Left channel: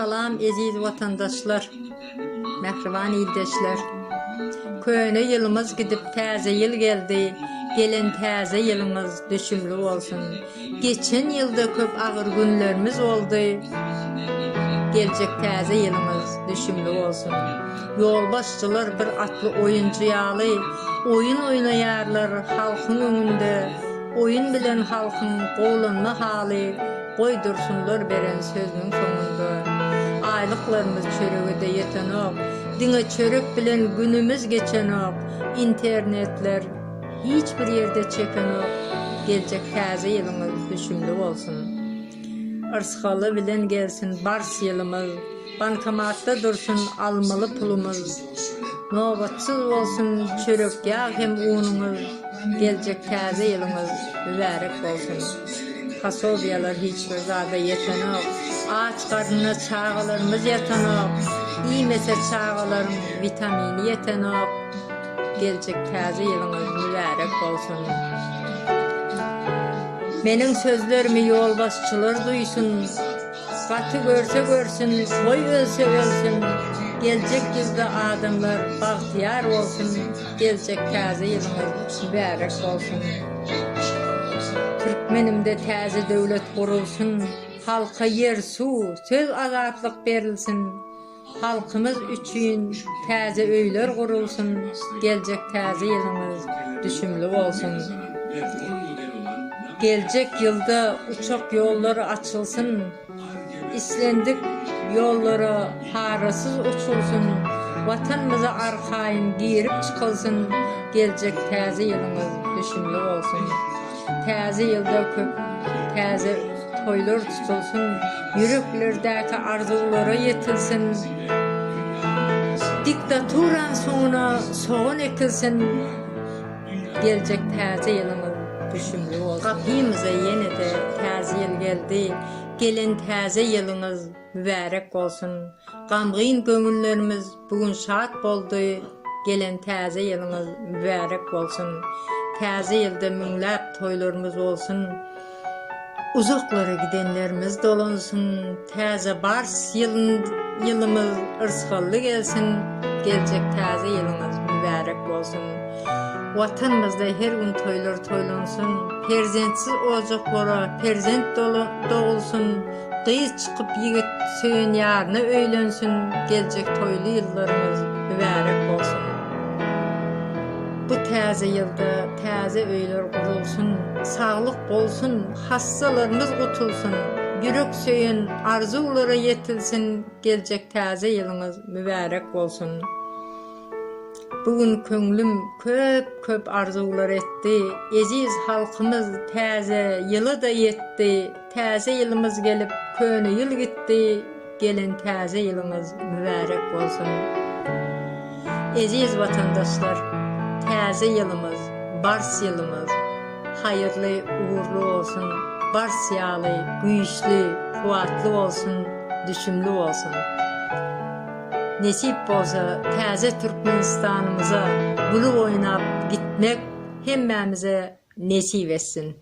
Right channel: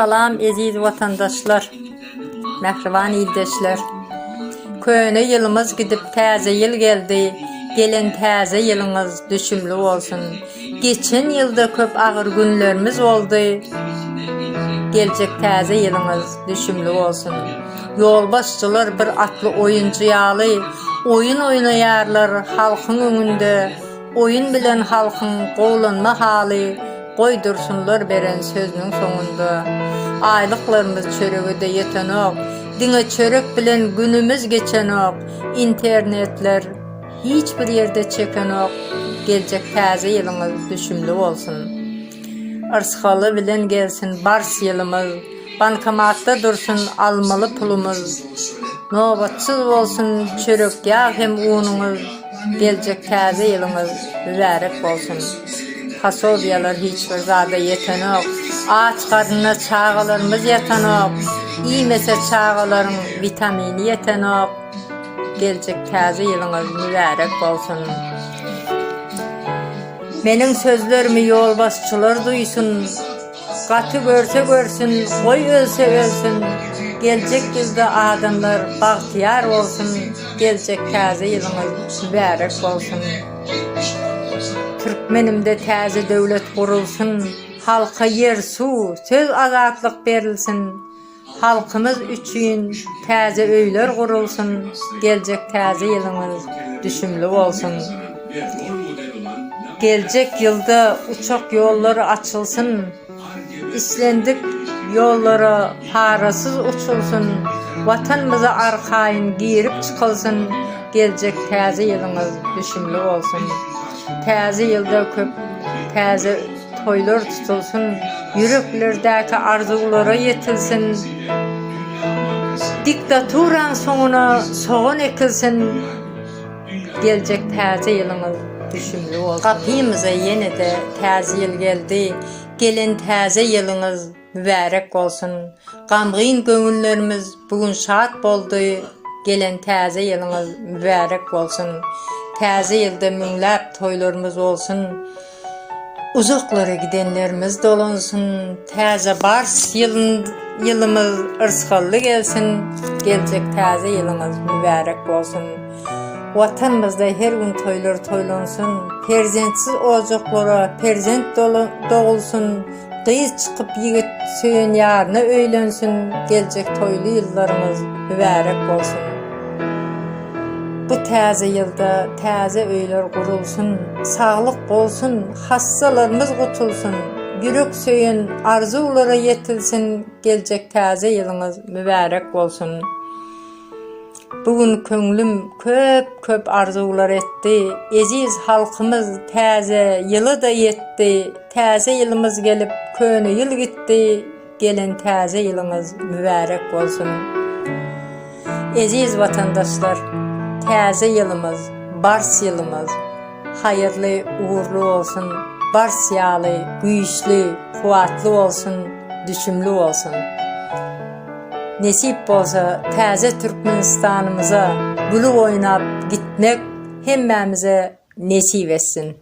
Salam aziz vatandaşlar, mehriban ildeşler. Köne yılımız gidip taze yıl geldi. Gelen taze yılınız düşümlü olsun. Geçen yılda köp ağır günlerimiz oldu. Gelecek taze yılınız düşümlü olsun. Yolbaşçılar bir atlı oyuncuyalı, oyun oynayarlar halkın önünde. Oyun bilen halkın qoğlanma hali, koydursunlar beren sözünün sonunda. Aylıklarımız çörüğü de yeten ok, dine çörük bilen günümüz geçen ok. İnternetler hiçbir yerde çeken ok. Gelecek taze yılımız düşümlü olsun. Arshalı bilen gelsin bars yılımız, bankamatta dursun almalı pulumuz. Nobatsız olsun çörük yağ hem unumuz. Gelecek taze yılımız mübarek olsun. Fasolyalar hiçbir zada yeten ok. Ağaç karnına çağalarımız yeten ok. İyimese çağaların vitamini yeten ok. Gelecek taze yılımız mübarek olsun. Benim sözlerimi yolbaşçılar duysun. Katı görse görsün, koy ölse ölsün. Gelecek yılda adamlar bahtiyar olsun. Gelecek taze yılımız mübarek olsun. Türkmenimde taze devlet kurulsun. Halka yer, su, söz azatlık verilsin. Halkımız üçün taze öyler kurulsun. Gelecek taze yılımız düşümlü olsun. Gelecek yılda uçak yolları açılsın. İslendik yollara parasız uçulsun. Vatanımıza arkayın girip çıkılsın. Gelecek taze yılımız düşümlü olsun. Taze yılda köp taze toylar tutulsun. Yüreklerdeki arzulara yetilsin. Diktaturan sonuna soğan ekilsin. Gelecek taze yılımız düşümlü olsun. Kapımıza yine de taze yıl geldi. Gelen taze yılınız mübarek olsun. Gamgın gönüllerimiz bugün şad boldu. Gelen taze yılınız mübarek olsun. Taze yılda minglab toylarımız olsun. Uzaklara gidenlerimiz dolunsun. Taze bars yılımız ırskallı gelsin. Gelecek taze yılımız mübarek olsun. Vatanımızda her gün toylar toylansın. Perzentsiz olacaklara perzent doğulsun. Kıyız çıkıp yigit söyün yarına öylensin. Gelecek toylu yıllarımız mübarek olsun. Bu taze yılda taze öyler kurulsun. Sağlık bolsun, hastalarımız kutulsun. Yürek söyün arzulara yetilsin. Gelecek taze yılımız mübarek olsun. Bugün köngülüm köp arzular etti. Aziz halkımız taze yılı da yetti. Taze yılımız gelip köne yıl gitti. Gelen taze yılımız mübarek olsun. Aziz vatandaşlar, taze yılımız, bars yılımız hayırlı, uğurlu olsun. Bars yağlı, güçlü, kuvvetli olsun, düşümlü olsun. Nesip olsa taze Türkmenistanımıza gülü oynap gitmek hemmemize nesip etsin.